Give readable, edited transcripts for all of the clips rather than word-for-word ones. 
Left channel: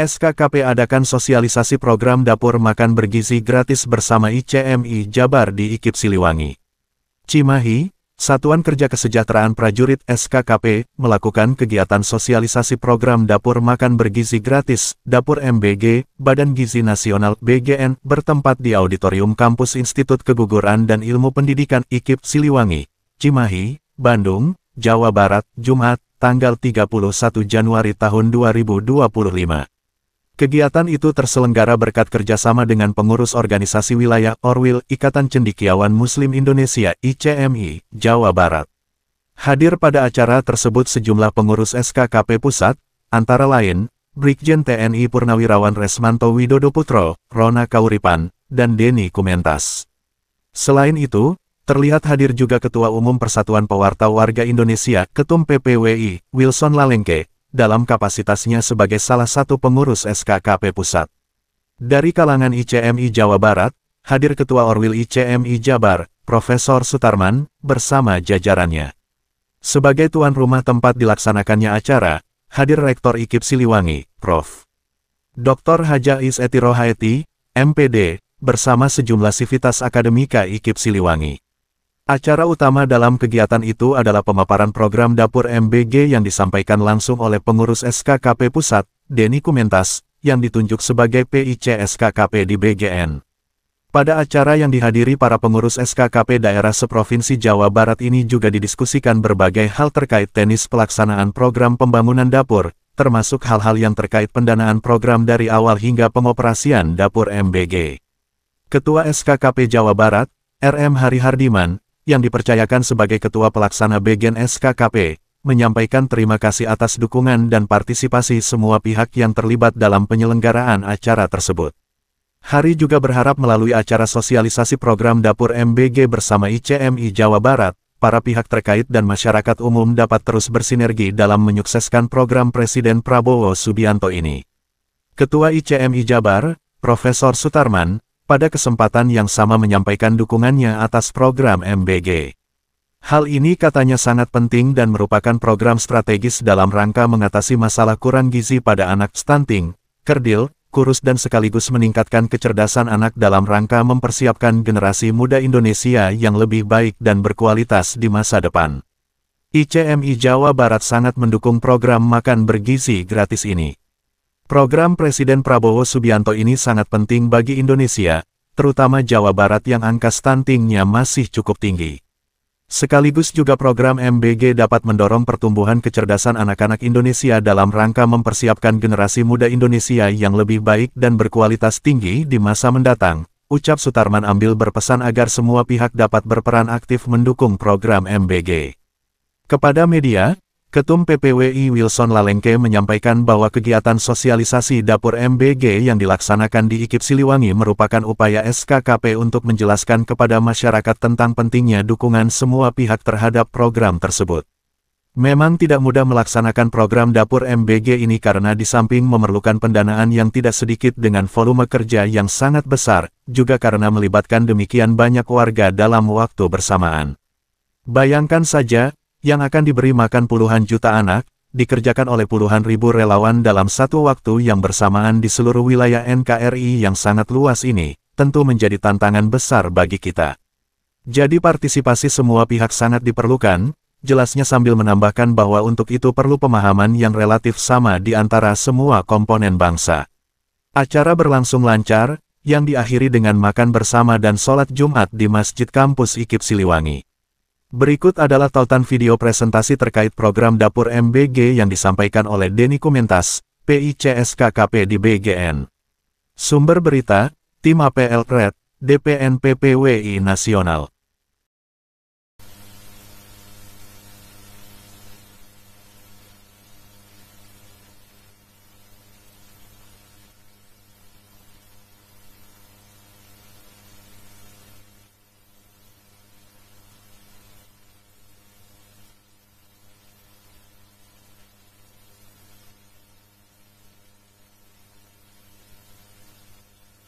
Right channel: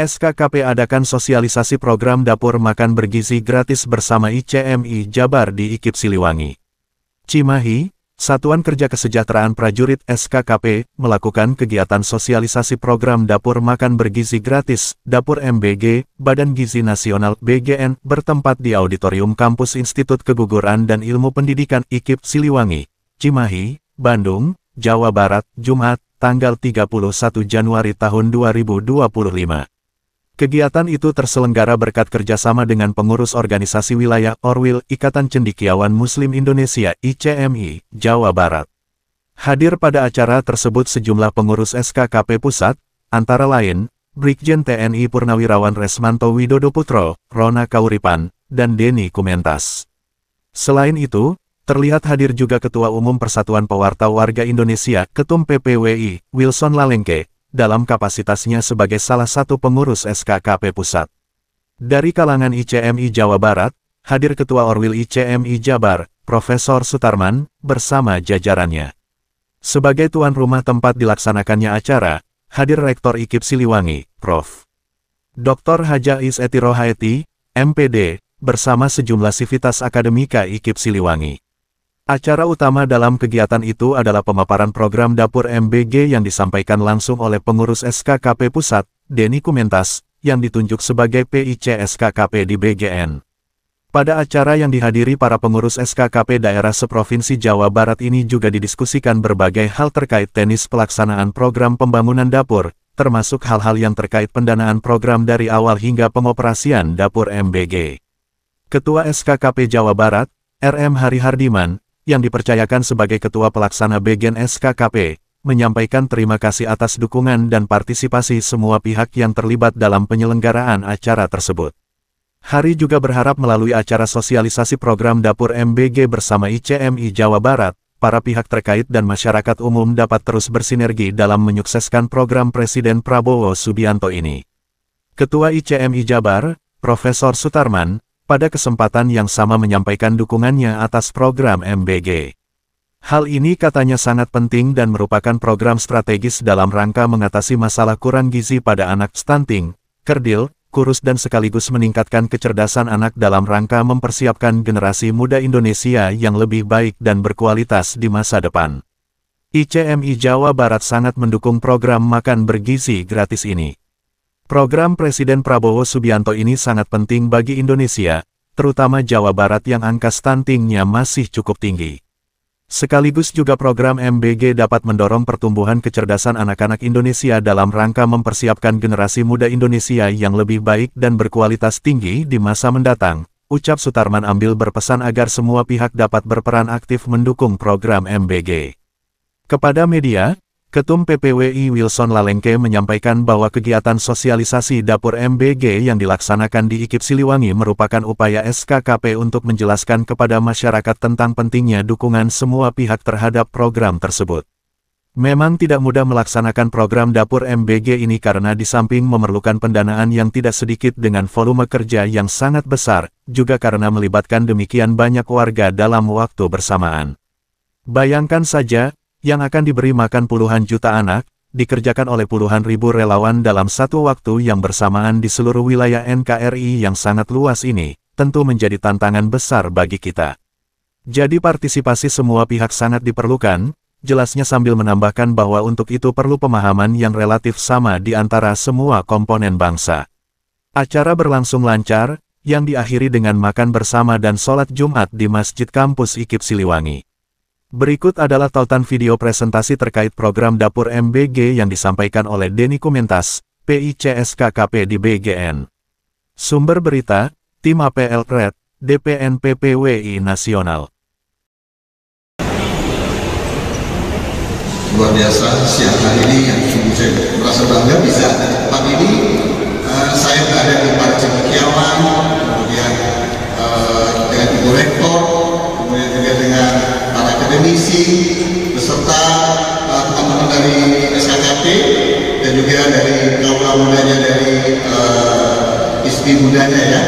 SKKP adakan sosialisasi program dapur makan bergizi gratis bersama ICMI Jabar di IKIP Siliwangi. Cimahi, Satuan Kerja Kesejahteraan Prajurit SKKP, melakukan kegiatan sosialisasi program dapur makan bergizi gratis, Dapur MBG, Badan Gizi Nasional BGN, bertempat di Auditorium Kampus Institut Keguguran dan Ilmu Pendidikan IKIP Siliwangi, Cimahi, Bandung, Jawa Barat, Jumat, tanggal 31 Januari tahun 2025. Kegiatan itu terselenggara berkat kerjasama dengan pengurus organisasi wilayah Orwil Ikatan Cendekiawan Muslim Indonesia ICMI, Jawa Barat. Hadir pada acara tersebut sejumlah pengurus SKKP Pusat, antara lain, Brigjen TNI Purnawirawan Resmanto Widodo Putro, Rona Kauripan, dan Denny Kumentas. Selain itu, terlihat hadir juga Ketua Umum Persatuan Pewarta Warga Indonesia, Ketum PPWI, Wilson Lalengke, dalam kapasitasnya sebagai salah satu pengurus SKKP Pusat. Dari kalangan ICMI Jawa Barat, hadir Ketua Orwil ICMI Jabar, Profesor Sutarman, bersama jajarannya. Sebagai tuan rumah tempat dilaksanakannya acara, hadir Rektor IKIP Siliwangi, Prof. Dr. Haja Is Eti Rohaeti, MPD, bersama sejumlah sivitas akademika IKIP Siliwangi. Acara utama dalam kegiatan itu adalah pemaparan program dapur MBG yang disampaikan langsung oleh pengurus SKKP Pusat, Denny Kumentas, yang ditunjuk sebagai PIC SKKP di BGN. Pada acara yang dihadiri para pengurus SKKP daerah seprovinsi Jawa Barat ini juga didiskusikan berbagai hal terkait teknis pelaksanaan program pembangunan dapur, termasuk hal-hal yang terkait pendanaan program dari awal hingga pengoperasian dapur MBG. Ketua SKKP Jawa Barat, RM Hari Hardiman, yang dipercayakan sebagai Ketua Pelaksana BGN SKKP, menyampaikan terima kasih atas dukungan dan partisipasi semua pihak yang terlibat dalam penyelenggaraan acara tersebut. Hari juga berharap melalui acara sosialisasi program dapur MBG bersama ICMI Jawa Barat, para pihak terkait dan masyarakat umum dapat terus bersinergi dalam menyukseskan program Presiden Prabowo Subianto ini. Ketua ICMI Jabar, Profesor Sutarman, pada kesempatan yang sama menyampaikan dukungannya atas program MBG. Hal ini katanya sangat penting dan merupakan program strategis dalam rangka mengatasi masalah kurang gizi pada anak stunting, kerdil, kurus dan sekaligus meningkatkan kecerdasan anak dalam rangka mempersiapkan generasi muda Indonesia yang lebih baik dan berkualitas di masa depan. ICMI Jawa Barat sangat mendukung program makan bergizi gratis ini. Program Presiden Prabowo Subianto ini sangat penting bagi Indonesia, terutama Jawa Barat yang angka stuntingnya masih cukup tinggi. Sekaligus juga program MBG dapat mendorong pertumbuhan kecerdasan anak-anak Indonesia dalam rangka mempersiapkan generasi muda Indonesia yang lebih baik dan berkualitas tinggi di masa mendatang, ucap Sutarman ambil berpesan agar semua pihak dapat berperan aktif mendukung program MBG. Kepada media, Ketum PPWI Wilson Lalengke menyampaikan bahwa kegiatan sosialisasi dapur MBG yang dilaksanakan di IKIP Siliwangi merupakan upaya SKKP untuk menjelaskan kepada masyarakat tentang pentingnya dukungan semua pihak terhadap program tersebut. Memang tidak mudah melaksanakan program dapur MBG ini karena di samping memerlukan pendanaan yang tidak sedikit dengan volume kerja yang sangat besar, juga karena melibatkan demikian banyak warga dalam waktu bersamaan. Bayangkan saja, yang akan diberi makan puluhan juta anak, dikerjakan oleh puluhan ribu relawan dalam satu waktu yang bersamaan di seluruh wilayah NKRI yang sangat luas ini, tentu menjadi tantangan besar bagi kita. Jadi partisipasi semua pihak sangat diperlukan, jelasnya sambil menambahkan bahwa untuk itu perlu pemahaman yang relatif sama di antara semua komponen bangsa. Acara berlangsung lancar, yang diakhiri dengan makan bersama dan sholat Jumat di Masjid Kampus IKIP Siliwangi. Berikut adalah tautan video presentasi terkait program dapur MBG yang disampaikan oleh Denny Kumentas, PIC SKKP di BGN. Sumber berita, Tim APL Red, DPN PPWI Nasional. Luar biasa, siang hari ini yang sungguh saya merasa bangga bisa tempat ini. Saya berada di Partai Cendekiawan, kemudian dengan Ibu Rektor, kemudian juga dengan para akademisi, beserta teman-teman dari SKKP, dan juga dari kaula mudanya dari ISPI mudanya ya.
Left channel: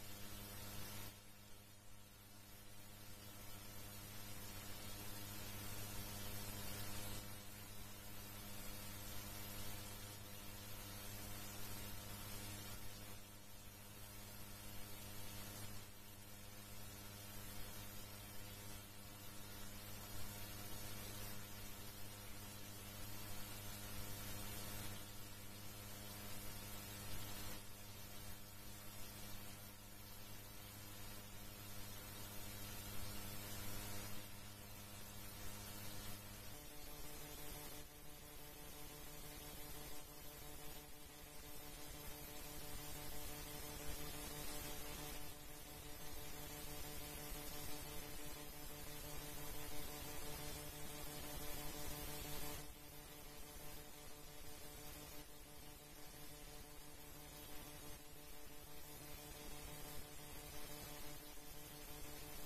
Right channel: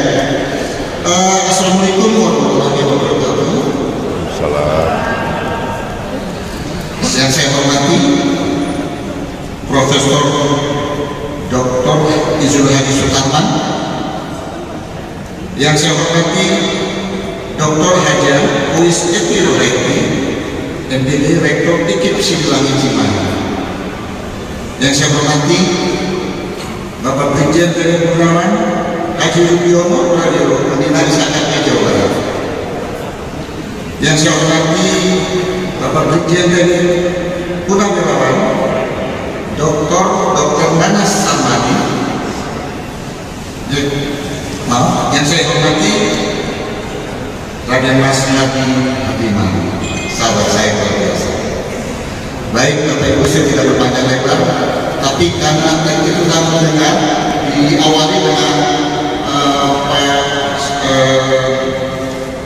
Assalamualaikum warahmatullahi wabarakatuh. Salam. Yang saya hormati Profesor Dr. Izul Hadi Sutarman, yang saya hormati Dr. Haja Uis Eti Roheti, MPD Rektor IKIP Siliwangi Cimahi. Yang saya hormati Bapak Brigjen Tni Purnawan Haji Rubiono Radio Dinas KKP Jawa Barat. Yang saya hormati Bapak Brigjen Tni Purnawirawan Dr. Nanas Samadi. Yang saya hormati Raden Mas Hadi Habimah, sahabat saya luar biasa. Baik Bapak Ibu, saya tidak berpanjang lebar, tapi karena tadi kita mendengar diawali dengan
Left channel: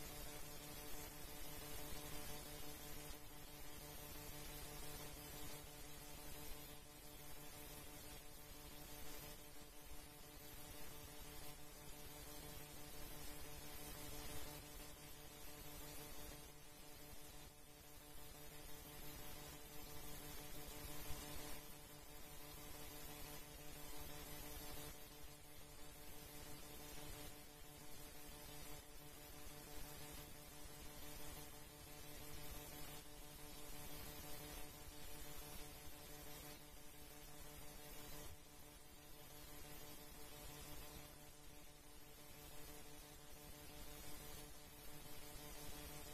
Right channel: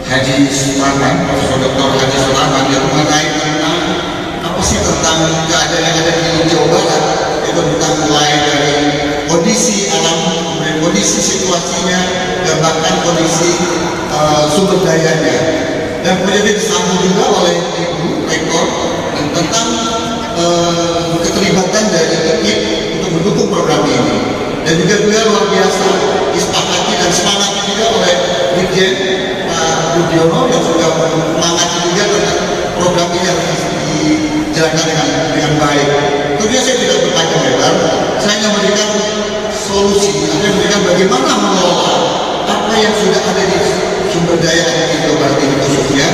Haji Sulaiman, Profesor Dr. Haji Sulaiman, yang mengenai tentang apa sih tentang keadaan yang ada di Jawa Barat, itu tentang mulai dari kondisi alam, kemudian kondisi situasinya, dan bahkan kondisi sumber dayanya. Dan kemudian disambung juga oleh Ibu Rektor tentang keterlibatan dari IKIP untuk mendukung program ini. Dan juga beliau luar biasa disepakati dan semangat juga oleh Brigjen Pak Rudiono yang sudah menyemangati juga dengan program ini harus dijalankan dengan baik. Tentunya saya tidak berpanjang lebar, saya hanya memberikan solusi, saya memberikan bagaimana mengelola apa yang sudah ada di sumber daya di Jawa Barat ini khususnya,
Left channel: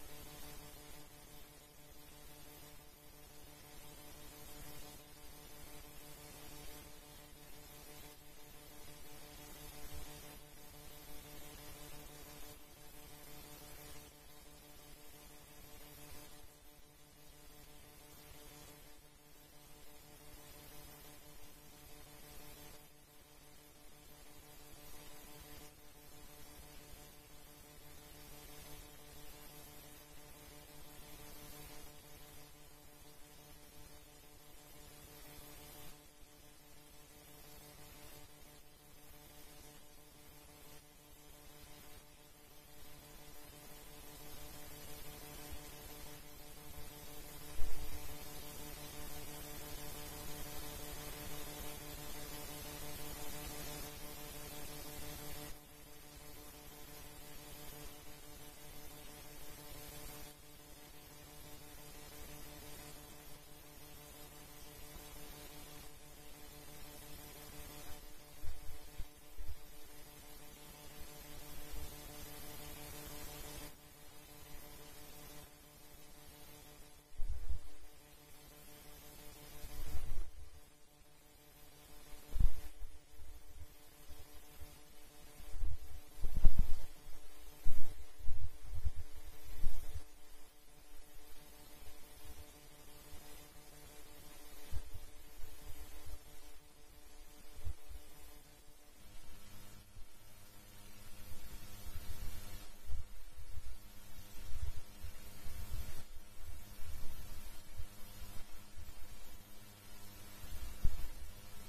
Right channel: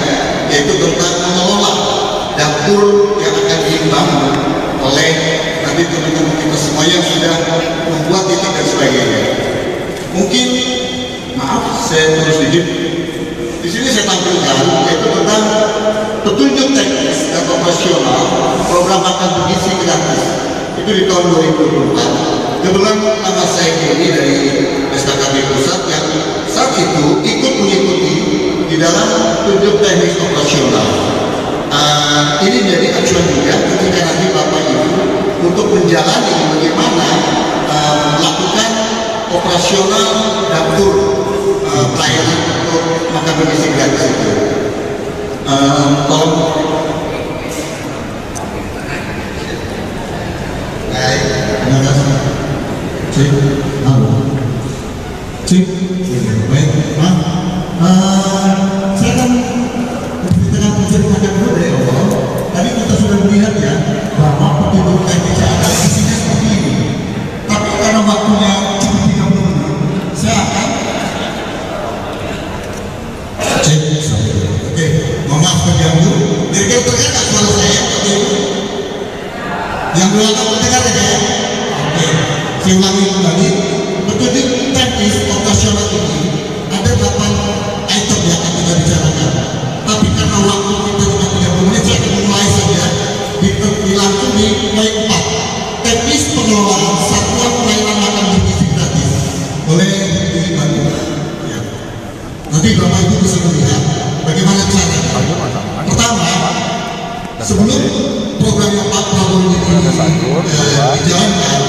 yaitu tentang mengelola dapur yang akan dibangun oleh nanti teman-teman kita semua yang sudah membuat titik dan sebagainya. Mungkin, maaf saya terus sedikit. Di sini saya tampilkan yaitu tentang petunjuk teknis dan operasional program makan bergizi gratis. Itu di tahun 2024. Kebetulan nama saya ini dari SKKP Pusat yang saat itu ikut mengikuti di dalam petunjuk teknis operasional. Ini jadi acuan juga ketika nanti Bapak Ibu untuk menjalani bagaimana melakukan operasional dapur pelayanan untuk makan bergizi gratis itu. Tolong. Baik, terima kasih. Cik, halo. Cik, baik, saya kan dengan menceritakan dulu dari awal. Tadi kita sudah melihat ya bahwa petunjuk teknis ada isinya seperti ini. Tapi karena waktunya cukup 30 menit, saya akan cek. Oke, mohon maaf terganggu. Jadi terdengar suara saya? Yang belakang terdengar ya? Oke, saya ulangi kembali. Petunjuk teknis operasional ini ada 8 item yang akan kita bicarakan. Tapi karena waktu kita cuma 30 menit, saya akan mulai saja dilangsung di poin 4. Teknis pengelolaan satuan pelayanan makan bergizi gratis. Boleh dibantu? Ya. Nanti Bapak Ibu bisa melihat bagaimana caranya. Pertama, sebelum program yang Pak Prabowo ini dijalankan,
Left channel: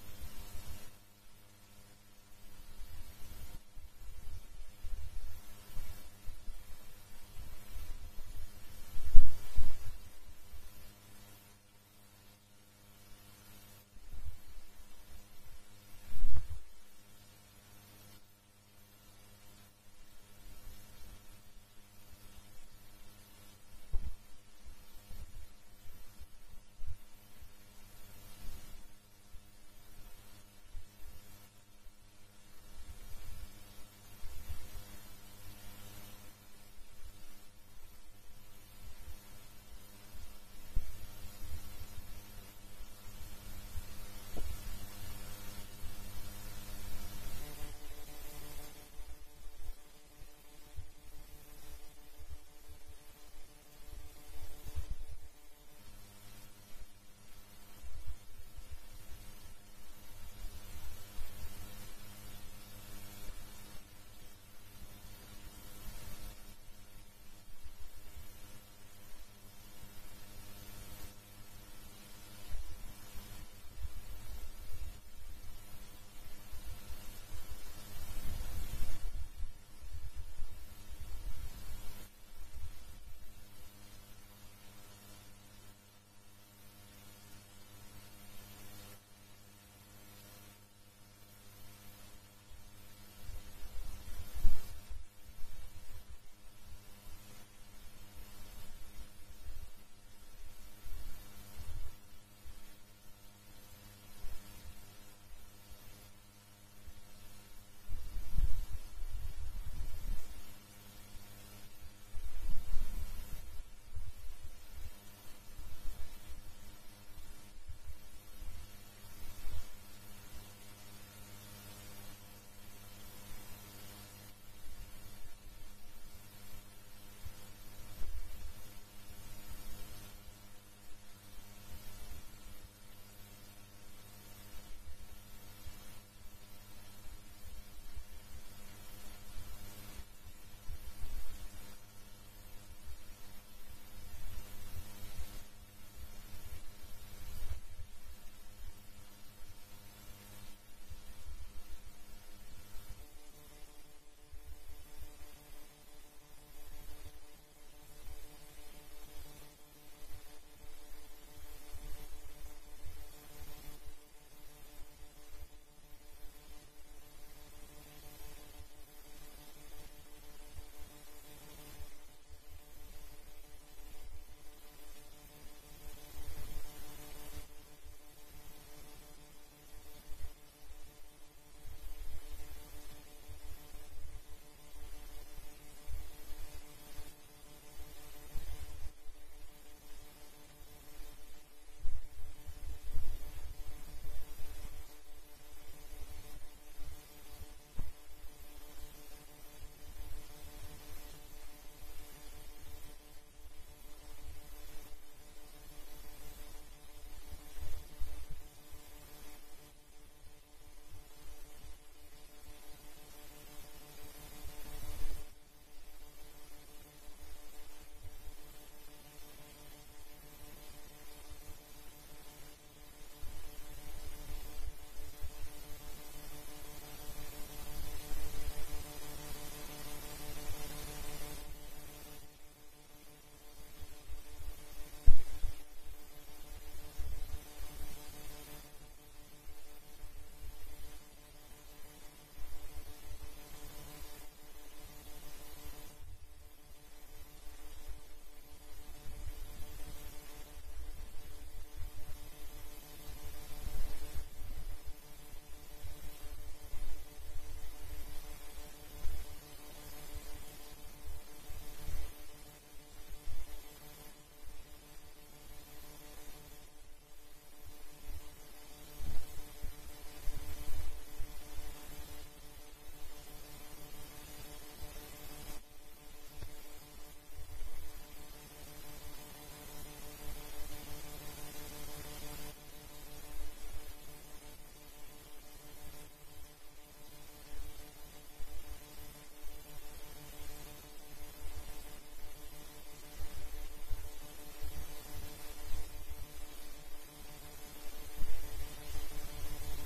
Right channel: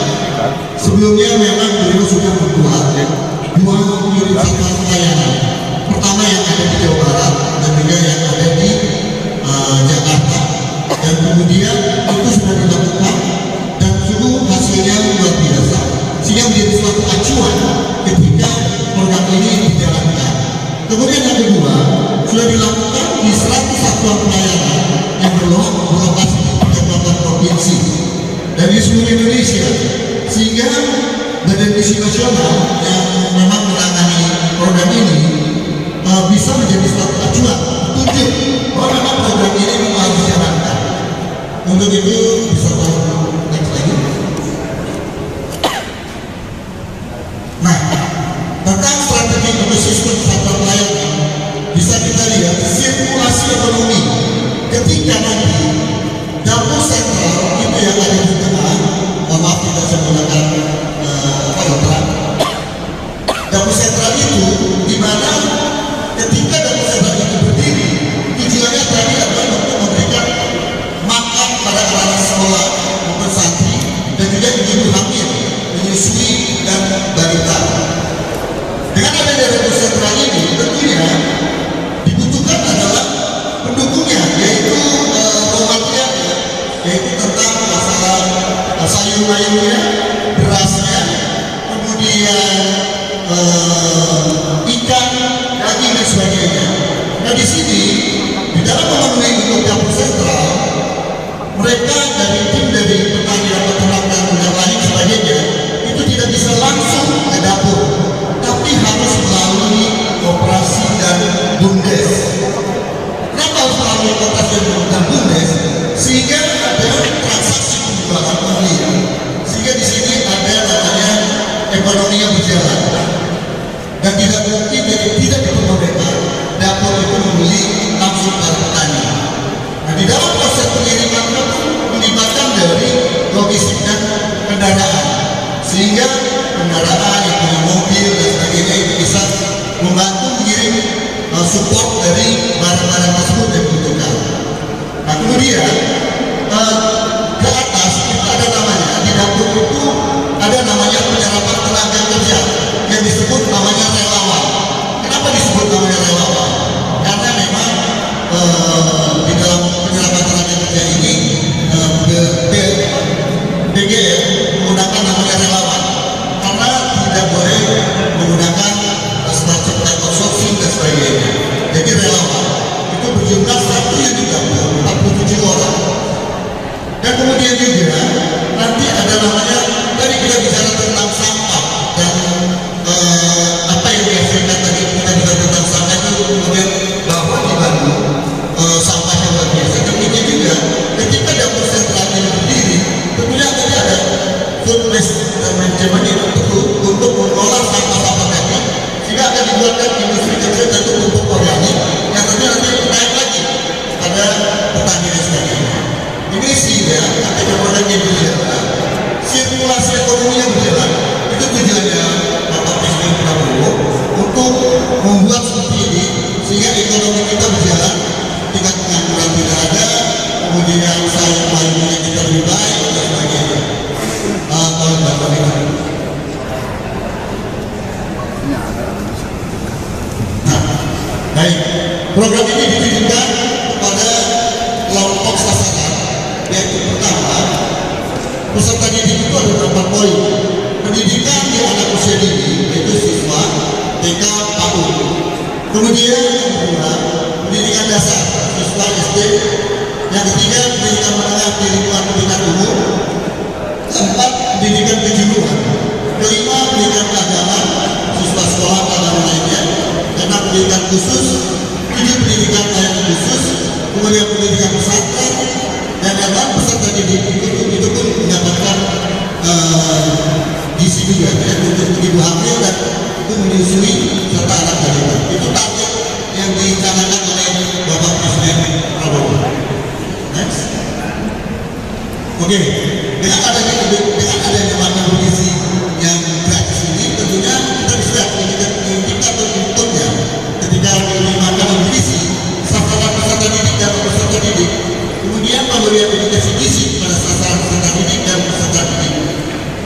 sebelumnya memang beliau sudah membuat 2 unit satuan pelayanan. Pertama yang ada di Jawa Barat dan juga yang ada di Jakarta. Dan kemudian itu sudah dilakukan dan sungguh hasilnya luar biasa. Sehingga menjadi suatu acuan ketika program ini dijalankan. Kemudian yang kedua, sudah dilakukan di 100 satuan pelayanan yang berlokasi di 38 provinsi dan di seluruh Indonesia, sehingga Badan Gizi Nasional yang memang menangani program ini bisa menjadi suatu acuan petunjuk bahwa memang program ini memang harus dijalankan. Untuk itu bisa next lagi. Nah, tentang strategi ekosistem satuan pelayanan bisa kita lihat sirkulasi ekonomi ketika nanti dapur sentral itu yang ada di tengah. Mohon maaf tidak saya menggunakan dapur sentral itu di mana ketika dapur sentral itu berdiri, tujuannya tadi adalah untuk memberikan makan pada anak-anak sekolah maupun santri dan juga ibu hamil, menyusui dan balita. Dengan adanya dapur sentral ini tentunya dibutuhkan adalah pendukungnya, yaitu raw materialnya, yaitu ekonominya berjalan. Dan tidak mungkin jadi tidak diperbolehkan dapur itu membeli langsung dari petani. Nah, di dalam proses pengiriman itu melibatkan dari logistik dan kendaraan, sehingga kendaraan yang punya mobil dan sebagainya itu bisa membantu mengirim support dari barang-barang tersebut yang dibutuhkan. Nah, kemudian ke atas itu ada namanya, di dapur itu ada namanya penyerapan tenaga kerja yang disebut namanya relawan. Kenapa disebut namanya relawan? Karena memang di dalam penyerapan tenaga kerja ini DGR menggunakan namanya relawan karena tidak boleh menggunakan semacam type outsourcing dan sebagainya. Jadi relawan itu berjumlah satu yang digabung 47 orang. Dan kemudian juga nanti ada namanya, tadi kita bicara tentang sampah dan apa yang dihasilkan tadi kita bicara tentang sampah itu, kemudian bahwa di Bandung sampahnya luar biasa. Demikian juga ketika dapur sentral ini berdiri, tentunya tadi ada food waste management untuk mengolah sampah-sampah tadi, sehingga akan dibuatkan industri kecil dan pupuk organik yang tentunya nanti naik lagi pada petani dan sebagainya. Ini sih ya, ketika produknya berjalan, sirkulasi ekonomi yang berjalan, itu tujuannya Bapak Presiden Prabowo untuk membuat seperti ini, sehingga ekonomi kita berjalan, tingkat pengangguran tidak ada, kemudian usaha lainnya kita lebih baik dan sebagainya. Tolong Bapak ini. Nah, baik, program ini ditujukan kepada kelompok sasaran, yaitu pertama, peserta didik itu ada 4 poin. Pendidikan di anak usia dini, yaitu siswa TK PAUD. Kemudian yang kedua, pendidikan dasar, siswa SD. Yang ketiga, pendidikan menengah di lingkungan pendidikan umum. Keempat, pendidikan kejuruan. Kelima, pendidikan keagamaan, siswa sekolah agama lainnya. Keenam, pendidikan khusus. 7, pendidikan layanan khusus. Kemudian pendidikan pesantren. Dan yang peserta didik itu pun mendapatkan gizi juga ya, untuk ibu hamil dan itu menyusui serta anak balita. Itu target yang dicanangkan oleh Bapak Presiden Prabowo. Next. Oke, dengan adanya makan bergizi yang gratis ini, tentunya kita bisa indikator inputnya ketika memberi makanan bergizi sasaran peserta didik dan peserta didik. Kemudian pemberian edukasi gizi pada sasaran peserta didik dan peserta didik.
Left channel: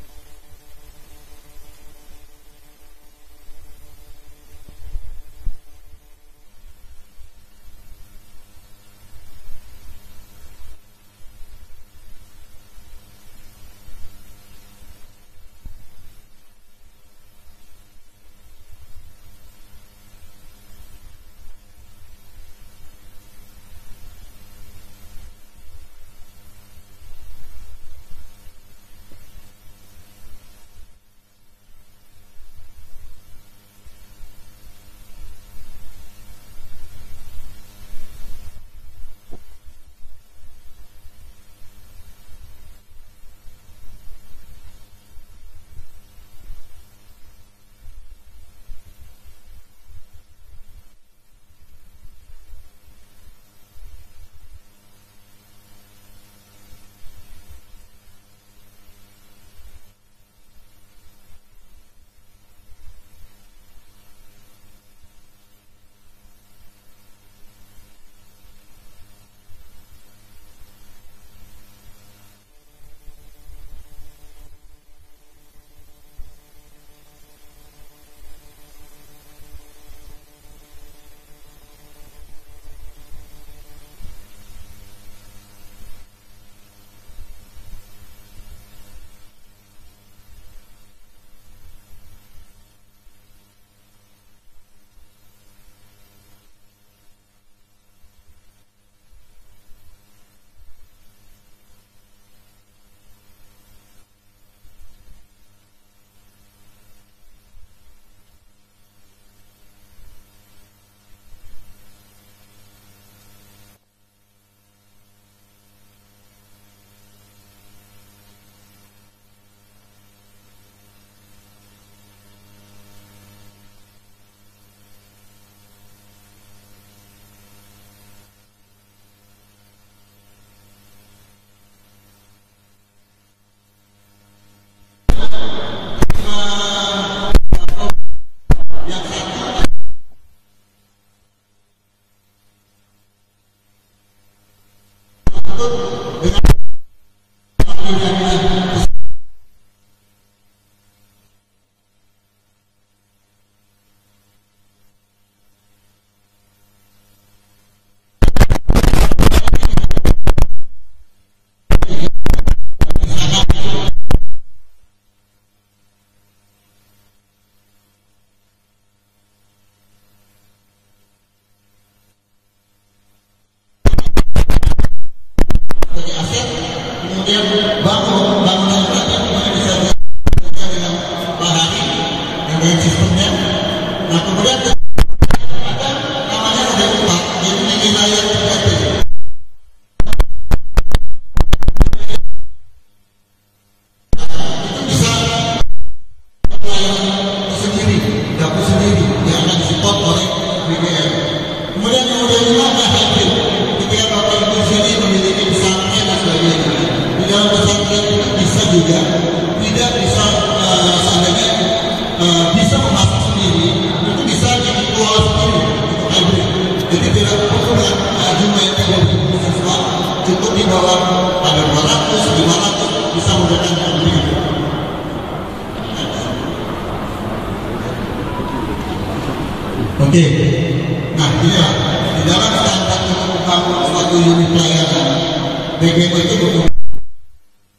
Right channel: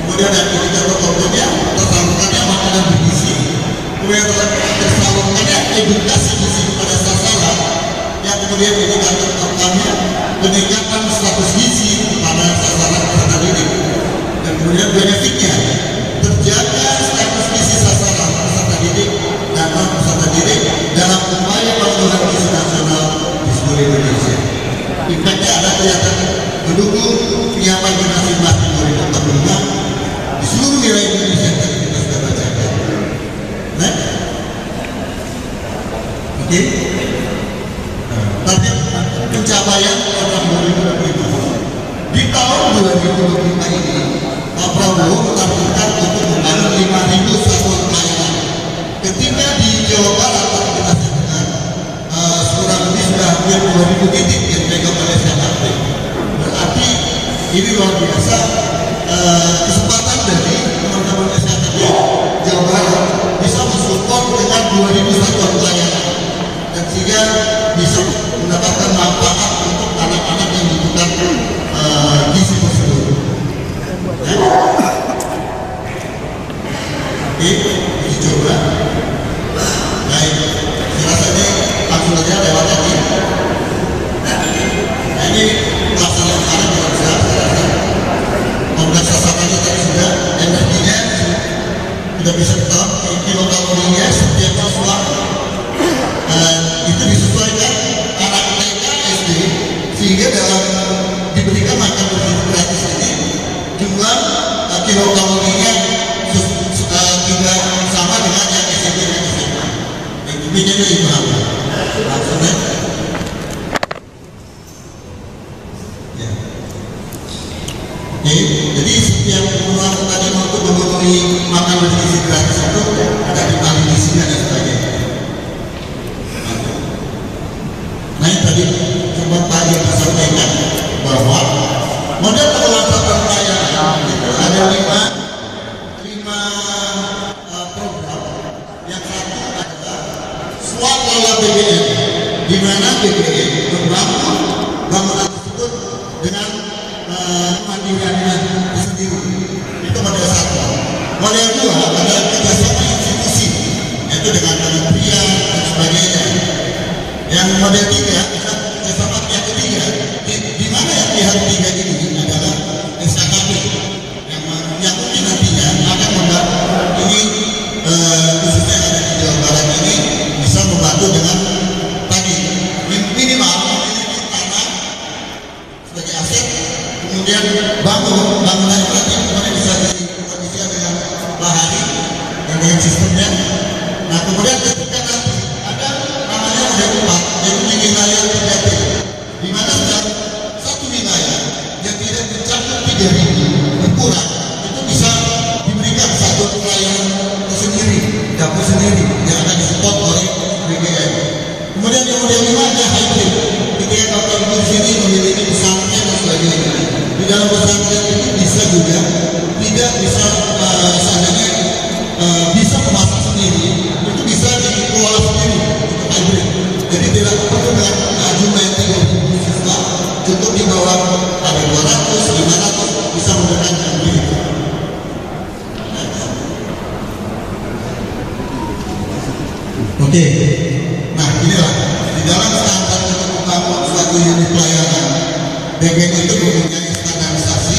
Kemudian ada indikator kontrolnya, tersalurkannya makanan bergizi. Kemudian tersalurkannya edukasi gizi pada sasaran, yang kemudian indikator kontrolnya peningkatan status gizi pada sasaran peserta didik. Dan kemudian benefitnya terjaga status gizi sasaran peserta didik dan non peserta didik dalam upaya pemenuhan gizi nasional di seluruh Indonesia. Impactnya ada kelihatan mendukung penyiapan generasi emas 2045 di seluruh wilayah Indonesia yang tadi kita sudah bacakan. Nah, oke. Target pencapaian program 2025 di tahun 2025 ini, Pak Prabowo menargetkan untuk membangun 5.000 satuan pelayanan. Ketika di Jawa Barat kita sedang kurang lebih sudah hampir 2.000 titik yang dipegang oleh SKP. Berarti ini luar biasa kesempatan dari teman-teman SKP Jawa Barat bisa mensupport dengan 2.000 satuan pelayanan dan sehingga bisa mendapatkan manfaat untuk anak-anak yang membutuhkan gizi tersebut. Oke, dicoba. Baik, saya rasa ini langsung saja lewat lagi. Nah, ini pelaksanaan sekarang kita bisa rasa. Kompleks sasarannya tadi sudah, energinya sudah bisa ketahuan, kilokalorinya setiap siswa. Itu disesuaikan anak TK SD, sehingga dalam diberikan makan bergizi gratis ini jumlah kilokalorinya tidak sama dengan yang SMP dan SMA. Intinya itu imbang. Maksudnya, ya. Oke. jadi setiap uang tadi untuk memenuhi makan bergizi gratis itu ada vitamin gizinya dan sebagainya. Nah yang tadi sempat Pak Irma sampaikan bahwa model pengelolaan pembayaran itu ada lima program. Yang pertama adalah swasembada BBM, di mana BBM membangun bangunan tersebut dengan mandiriannya tersendiri. Itu model satu. Model dua adalah kerjasama institusi, yaitu dengan kementerian dan sebagainya. Yang model tiga adalah kerjasama pihak ketiga, di mana yang pihak ketiga ini adalah SKKP yang mungkin nantinya akan membantu ini khususnya yang ada di Jawa Barat ini bisa membantu dengan tadi minimal tanah sebagai aset, kemudian bangunan tadi kemudian bisa dikondisikan dengan bahari dan dengan sistemnya. Nah kemudian ketika ada namanya ada empat yang wilayah 3T, di mana satu wilayah yang tidak mencakup 3.000 kurang itu bisa diberikan satu pelayanan tersendiri, dapur sendiri yang akan disupport oleh BBM. Kemudian yang model 5 ada hybrid. Ketika Bapak Ibu di sini memiliki pesantren dan sebagainya, di dalam pesantren itu bisa juga tidak bisa seandainya bisa memasak sendiri, itu bisa dikelola sendiri untuk hybrid. Jadi tidak perlu dengan jumlah yang 3.000 siswa, cukup di bawah ada 200, 500 bisa menggunakan sendiri. Oke, nah inilah di dalam standar untuk membangun suatu unit pelayanan, BBM itu mempunyai standarisasi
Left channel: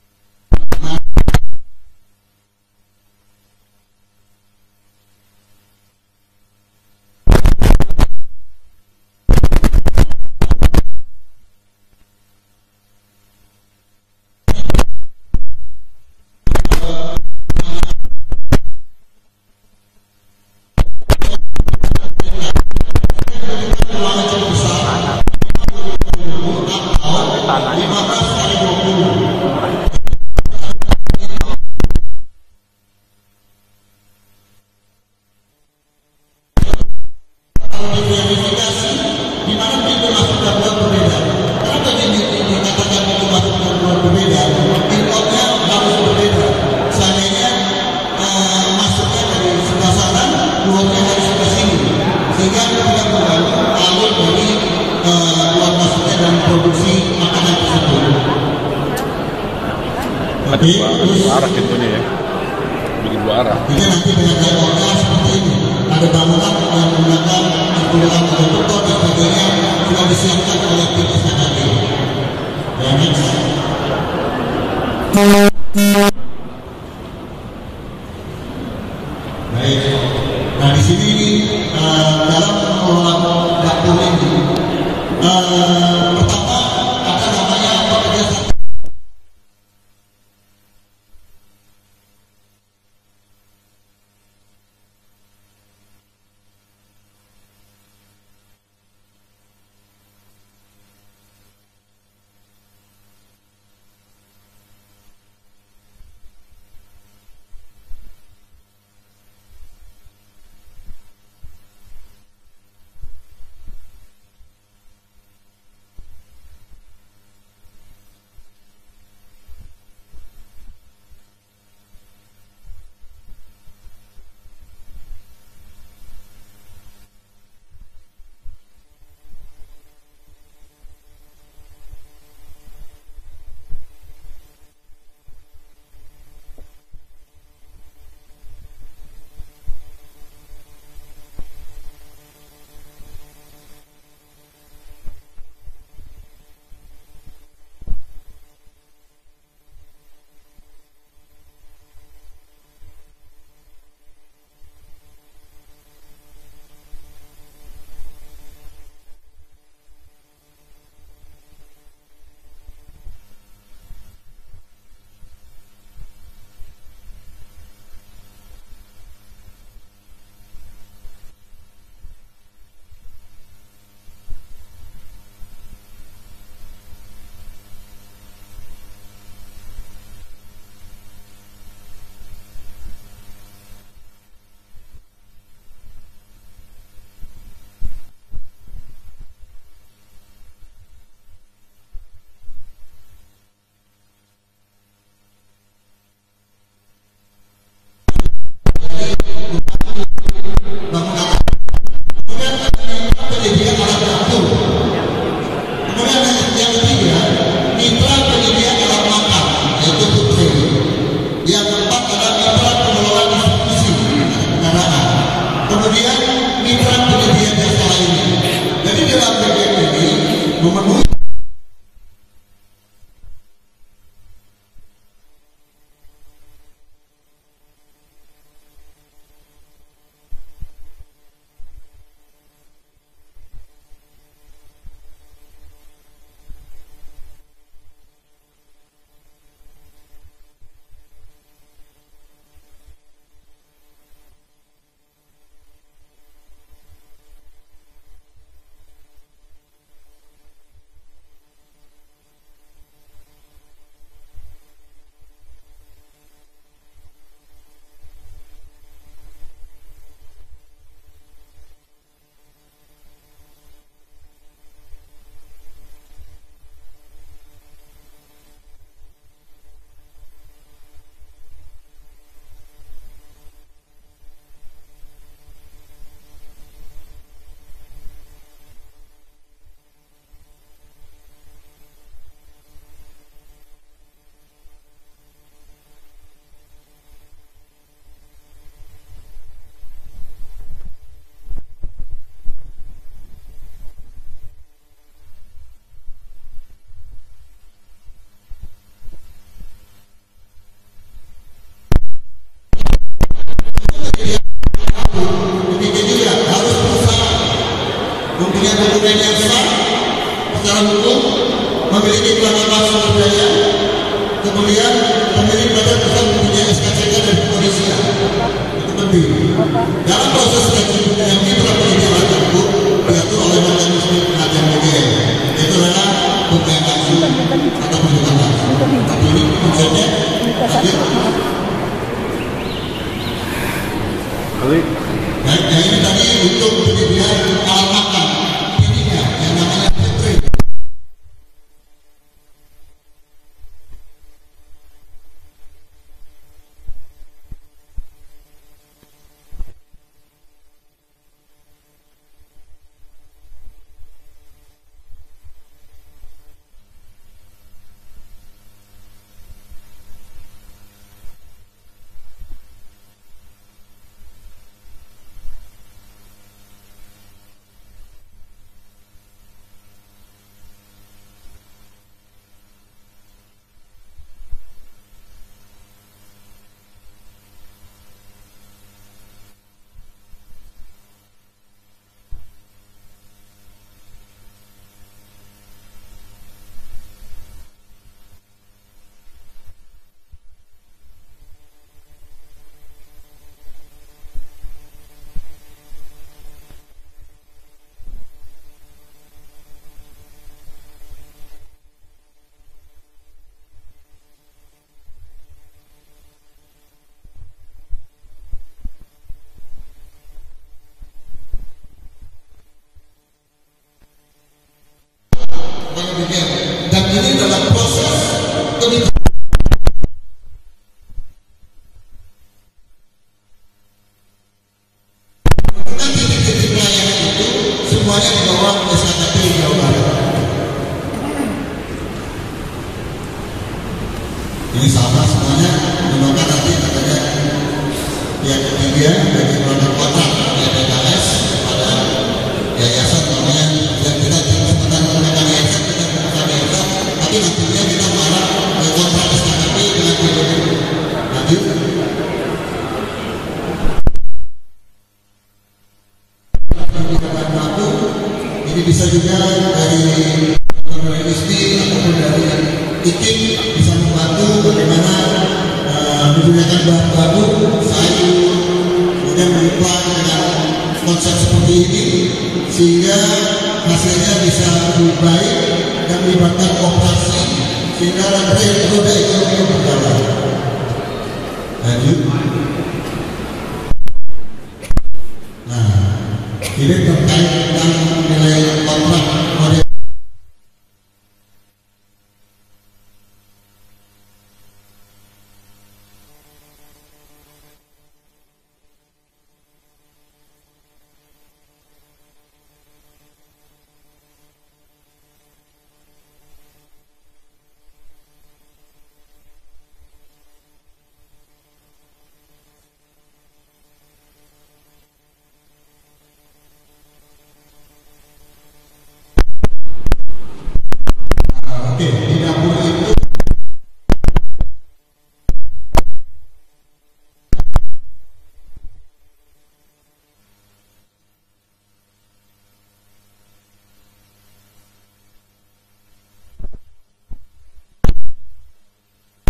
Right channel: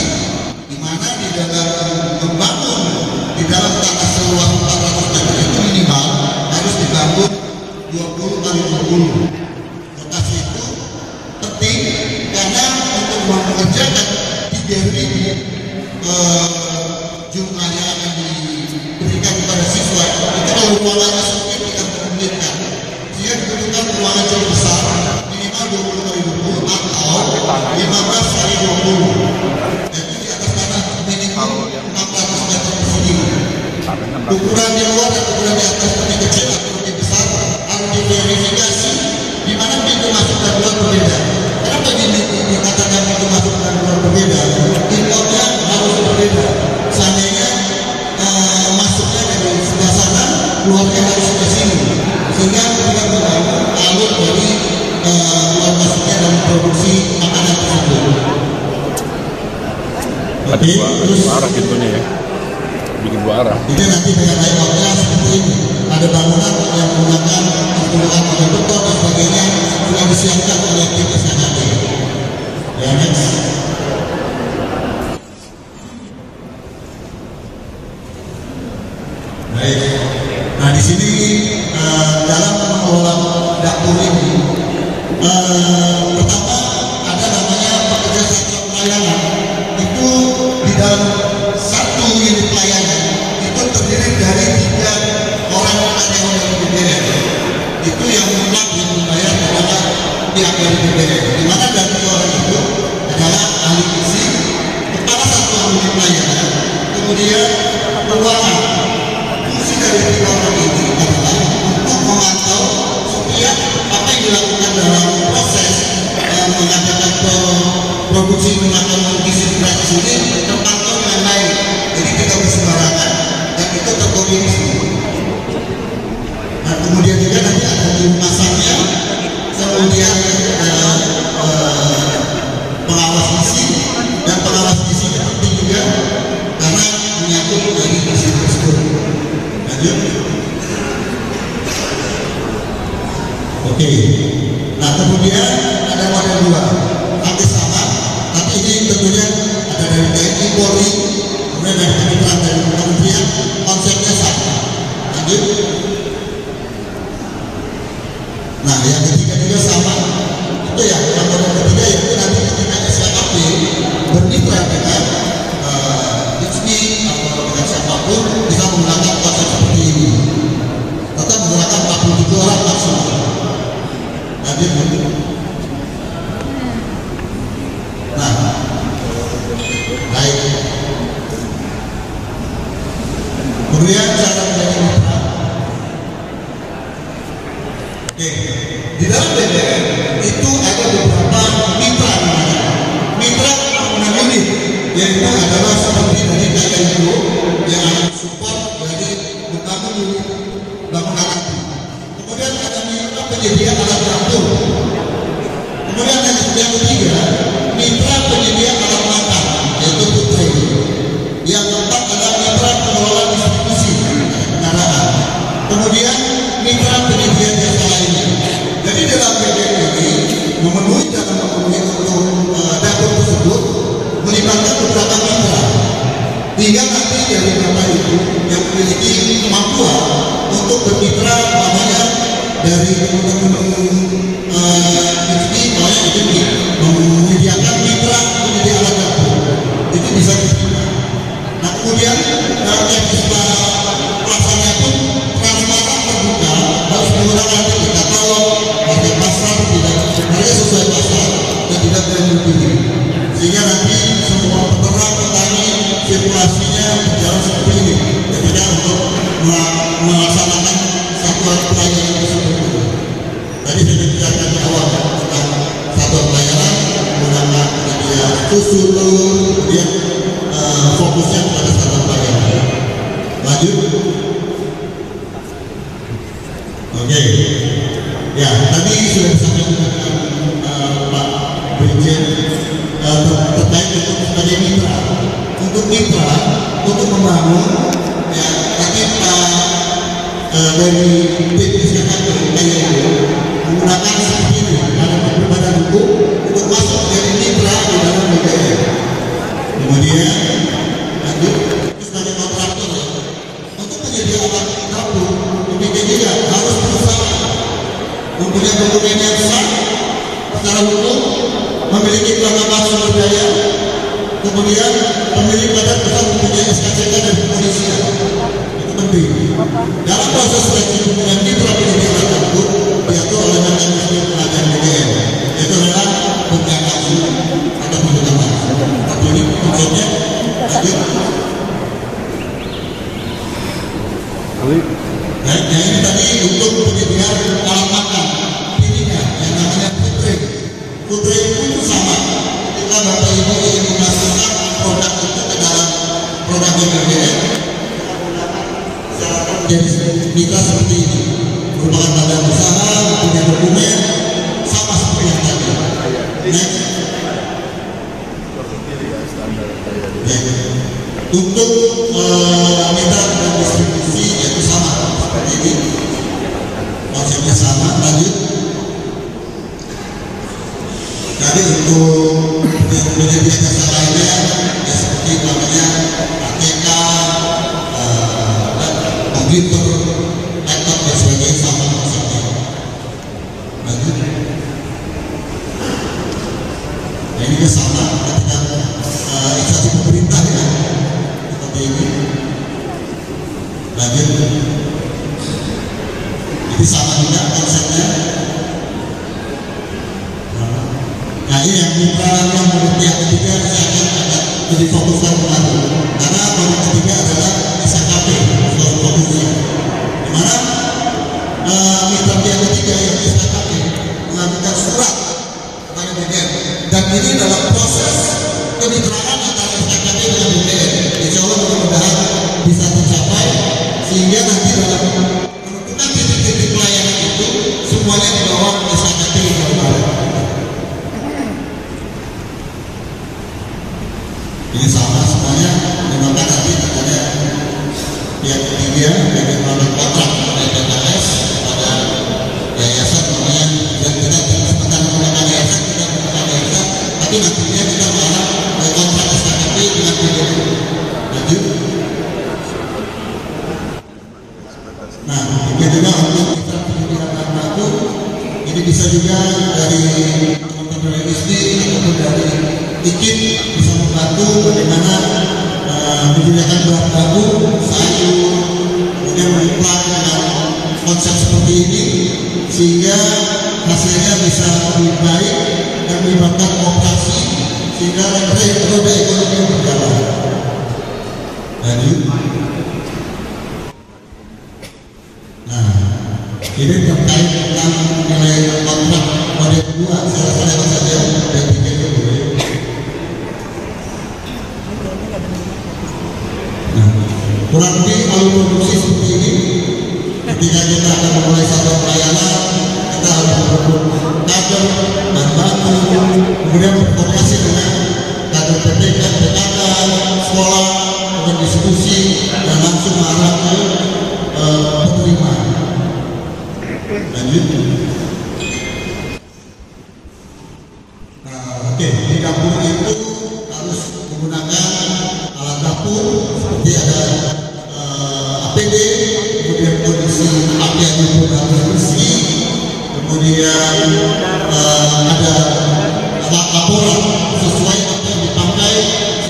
di mana di dalam membangun di dalam tanah seluas 400 meter itu minimal harus dibangun 20 kali 20. Lokasi itu penting karena untuk mengerjakan 3.000 jumlah yang akan diberikan kepada siswa itu kalau ruangannya sempit kita memungkinkan, sehingga dibutuhkan ruangan cukup besar minimal 20 kali 20 atau 15 kali 20. Jadi di atas tanah minimal 600 meter persegi. Ukuran di luar dan ukuran di atas lebih kecil atau lebih besar harus diverifikasi di mana pintu masuk dan keluar berbeda. Kenapa dikatakan pintu masuk dan keluar berbeda? Pintunya harus berbeda. Seandainya masuknya dari sebelah sana, keluarnya harus sebelah sini, sehingga tidak mengganggu alur dari keluar masuknya dan produksi makanan tersebut. Oke, terus arah pintunya ya, bikin dua arah. jadi nanti dengan layoutnya seperti ini. Ada bangunan yang menggunakan penggunaan konduktor dan sebagainya sudah disiapkan oleh tim SKKP. Ya, next. Baik. Nah di sini dalam mengelola dapur ini pertama ada namanya pekerja satu pelayanan. Itu di dalam satu unit pelayanan itu terdiri dari 3 orang karyawan dari BBM. Itu yang mutlak yang membayar kepada pihak dari BBM. Di mana dari 3 orang itu adalah ahli gizi, kepala satu unit pelayanan, kemudian keuangan. Fungsi dari 3 orang ini adalah untuk memantau setiap apa yang dilakukan dalam proses mengadakan produksi makanan gizi gratis ini terpantau dengan baik. Jadi tidak bersembarangan dan itu terkoordinasi. Nah, kemudian juga nanti ada tim masaknya, kemudian pengawas gizi, dan pengawas gizi penting juga karena menyangkut dari gizi tersebut. Lanjut. Oke. Nah kemudian ada model 2, hampir sama, tapi ini tentunya ada dari TNI, Polri, kemudian dari Kementerian dan Kementerian, konsepnya sama. Lanjut. Nah yang ketiga juga sama, itu ya yang model ketiga itu nanti ketika SKKP bermitra dengan ISMI atau dengan siapapun bisa menggunakan konsep seperti ini. Tetap menggunakan 47 orang maksimal. Lanjut. akan menjadi mitra. Oke, di dalam BBM itu ada beberapa mitra namanya. Mitra unit, yaitu adalah seperti dari KNU yang akan support dari utama unit bangunan. Kemudian ada mitra penyedia alat dapur. Kemudian yang ketiga, mitra penyedia alat makan, yaitu Putri. Yang keempat ada mitra pengelola distribusi kendaraan. Kemudian mitra penyedia jasa lainnya. Jadi dalam BBM ini memenuhi dalam memenuhi untuk dapur tersebut melibatkan beberapa mitra. Hingga nanti dari beberapa itu yang memiliki kemampuan untuk bermitra namanya dari teman-teman ini menyediakan mitra menjadi alat dapur itu bisa diterima. Nah kemudian teknisme pelaksanaannya pun transparan terbuka, harus menggunakan katalog, harga pasar tidak harga sesuai pasar dan tidak berlebihan, sehingga nanti semua peternak petani sirkulasinya berjalan seperti ini ketika untuk melaksanakan satuan pelayanan tersebut. Tadi saya bicarakan di awal tentang satuan pelayanan menggunakan media susu, kemudian fokusnya pada satuan pelayanan. Lanjut. Oke. Ya, tadi sudah disampaikan Pak Brigjen terkait untuk sebagai mitra. Untuk mitra, untuk membangun, ya tadi Pak dari tim SKKP menggunakan seperti ini, ada badan hukum untuk masuk dari mitra di dalam BBM. Kemudian lanjut sebagai kontraktor untuk menjadi alat dapur, demikian juga harus berusaha mempunyai dokumen yang sah secara hukum, memiliki pelanggaran sumber daya, kemudian pemilik badan bisa mempunyai SKCK dari kepolisian. Itu penting. Dalam proses seleksi pemilihan mitra penyedia alat dapur diatur oleh mekanisme pengajian BBM, yaitu adalah bukan langsung atau bukan langsung. Tapi ini konsepnya lanjut. Baik, nah ini tadi untuk penyediaan alat makan. Ininya yang namanya Putri. Putri itu sama. Ketika Bapak Ibu ingin memasukkan produk itu ke dalam produk BBM, jadi mitra seperti ini merupakan badan usaha, punya dokumen sama seperti yang tadi. Next. Untuk mitra dan distribusi yaitu sama seperti ini, konsepnya sama. Lanjut. Jadi untuk yang menjadi jasa lainnya ya seperti namanya ATK, komputer, laptop dan sebagainya sama konsepnya. Lanjut. Nah ini sama ketika instansi pemerintah ya seperti ini. Lanjut. Ini sama juga konsepnya. Nah ini yang mitra yang menurut yang ketiga saya akan lebih fokuskan kembali karena yang ketiga adalah SKKP atau fokusnya, dimana mitra yang ketiga yang SKKP mengajukan surat kepada BBM dan ini dalam proses kemitraan antara SKKP dengan BBM. Insya Allah mudah-mudahan bisa tercapai sehingga nanti dalam penentukan titik-titik pelayanan itu semuanya di bawah SKKP Jawa Barat. Ini sama semuanya, dimana nanti katanya pihak ketiga dari produk kontrak dari PKS pada yayasan namanya dan kita tidak sekedar menggunakan yayasan, kita menggunakan yayasan, tapi nantinya kita mengarah ke kontrak SKKP dengan BBM. Lanjut. Nah, ini juga untuk kita penyedia baku, ini bisa juga dari teman-teman dari ISDI ataupun dari IKIP bisa membantu bagaimana menyediakan bahan baku, sayur, kemudian menyuplai dengan konsep seperti ini sehingga hasilnya bisa lebih baik dan melibatkan kooperasi sehingga roda ekonomi berjalan. Lanjut. Ini terkait dengan nilai kontrak model 2, saya rasa saja dan 3 itu boleh. Kurang lebih kalau produksi seperti ini, ketika kita akan memulai satu pelayanan, kita harus merekrut kader dan baku, kemudian berkoordinasi dengan kader PPK, PKK, sekolah, kemudian diskusi, dan langsung mengarah ke penerima. Lanjut. Oke, di dapur itu harus menggunakan alat dapur seperti ada APD, kemudian kondisi api yang pun harus bersih, kemudian ada laporan sesuai apa yang dipakai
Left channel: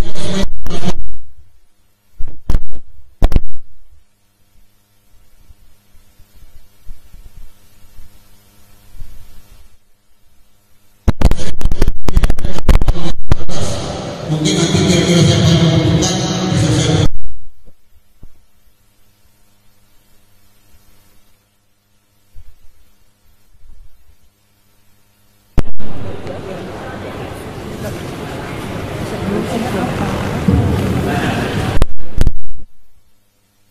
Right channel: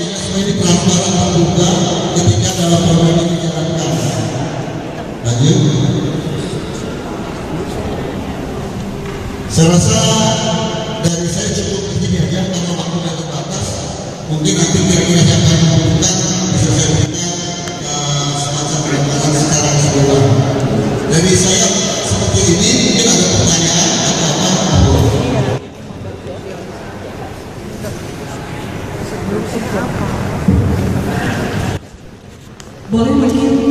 sehingga semua ini transparan terbuka ketika dalam program ini dijalankan. Lanjut. Saya rasa dari saya cukup begini aja karena waktu sudah terbatas. Mungkin nanti kira-kira saya akan membutuhkan bisa saya berikan semacam gambaran secara keseluruhan. Dari saya seperti ini mungkin ada pertanyaan atau apa? Boleh mungkin